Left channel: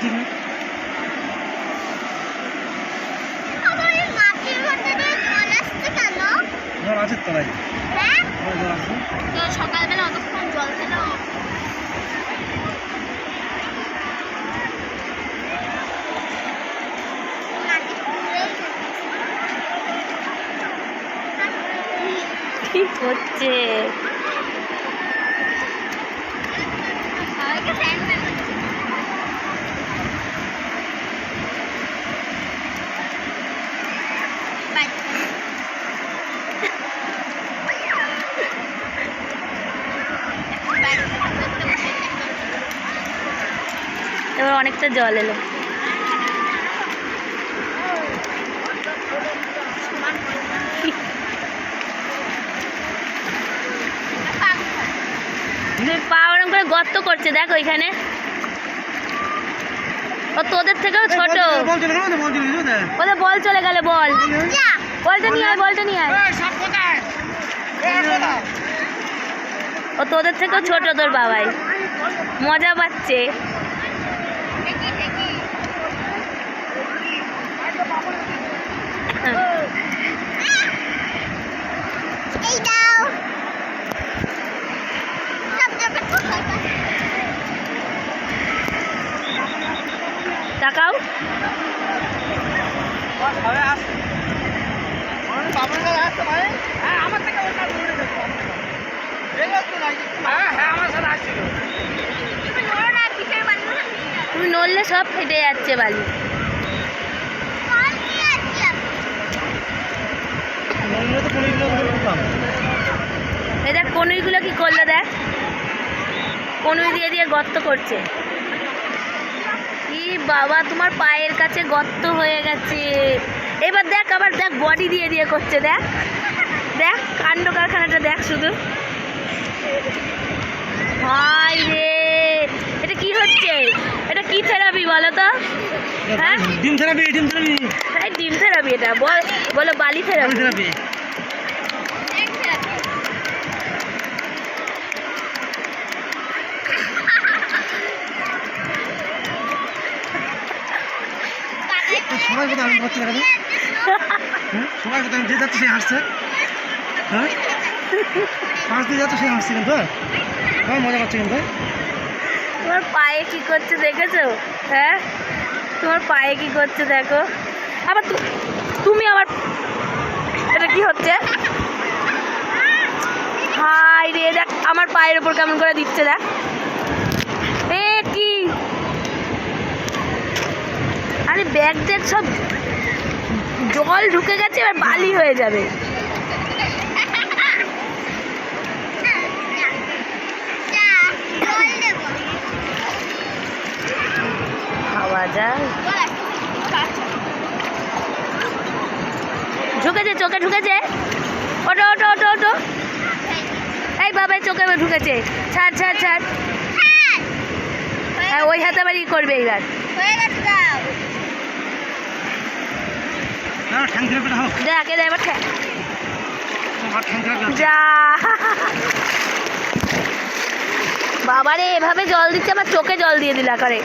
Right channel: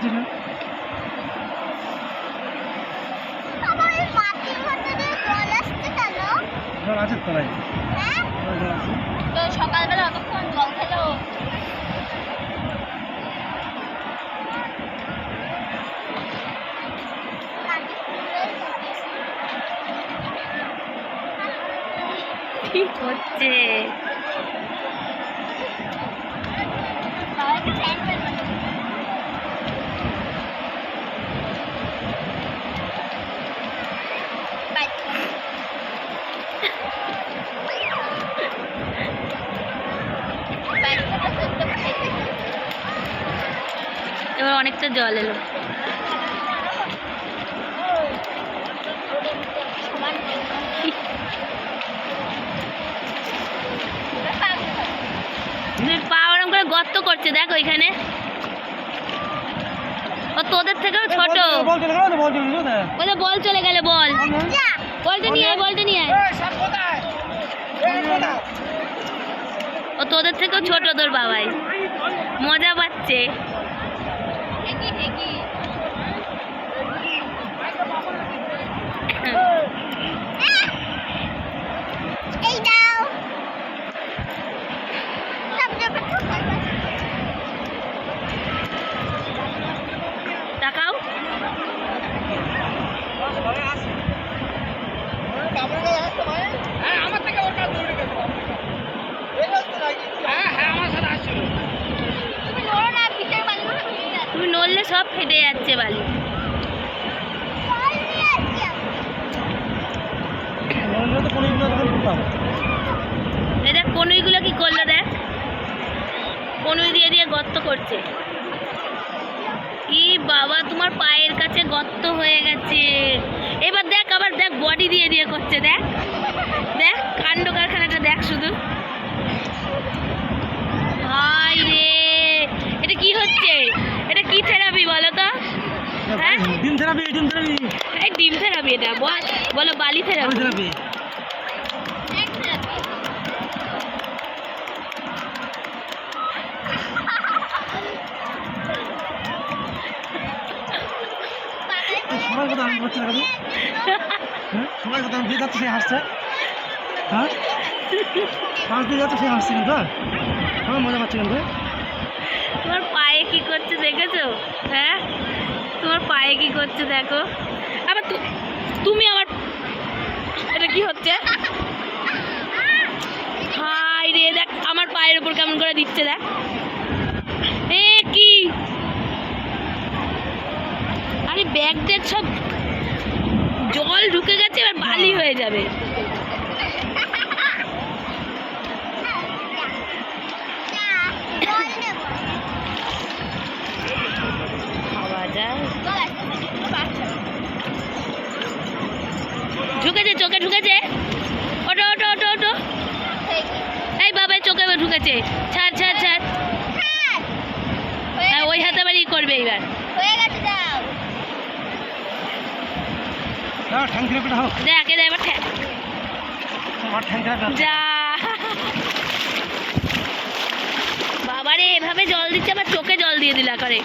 ঠিক না জল আছে তলায় জল আছে সকালবেলা অতক্ষণ জল খেলো কি হচ্ছে এবার অনেকটা জল এলো পা ওরম করে গর্ত করছে দেখো এখানে ও তোদের থেকেও ছোট ওদের বল চলে গেলে বল বলটা নিয়ে আয় বলটা নিয়ে আয় ও তোদের থেকেও ছোট তোর বাবাই মজা পাচ্ছে তাকাও তুমি নড়লে সব ফেটে যাচ্ছে বালি দেখ কনুইগুলো কি করলো দেখ কনুই দিয়ে দিয়ে গর্ত করছে ই বাবা তোমার পায়ের কাছে গর্ত হয়ে গেছে এবার দেখ আবার দেখ বডি দিয়ে দিয়ে করছে দেখ দেখ কাণ্ড কারখানাটা দেখ শুধু হাই রে এটা কি হচ্ছে এটা কি থেরাপি বলো তো হ্যাঁ ডিম থেরাপি এই ডিম থেরাপি এটা বলো বালি থেরাপি সবাই কোথায় আমি করছি না হ্যাঁ সবাই কোথায় যে যাচ্ছে সে হাসছে হ্যাঁ পাঁচ দিয়ে যাচ্ছে সে হাসছে কিন্তু হ্যাঁ মজা পাচ্ছে কিন্তু তোমার পায়ে কি করছে দেখেছো হ্যাঁ তোমার পায়ে কি করছে দেখো আবার তুমি আবার এটা কি হচ্ছে হাই রে দেখ আমার পায়ের উপর কেমন করে দিচ্ছে দেখ এ কি আরে ব্যাগ ট্যাগ সব জল ঢুকে গেছে এবার বালি হয়ে যাবে খাওয়া যায় ঢুকেছে চোখে ঢুকেছে ওটো ওটো ওটো ওটো এই বাবা চোখে ঢুকেছে ছাড় ছাড় ছাড় হ্যাঁ ওই হাতে আবার ই করবে এইবার দেখ এদের এবার যা বাবারে এভাবে জল দিচ্ছে আবার চোখে জল দিয়ে দিলা করে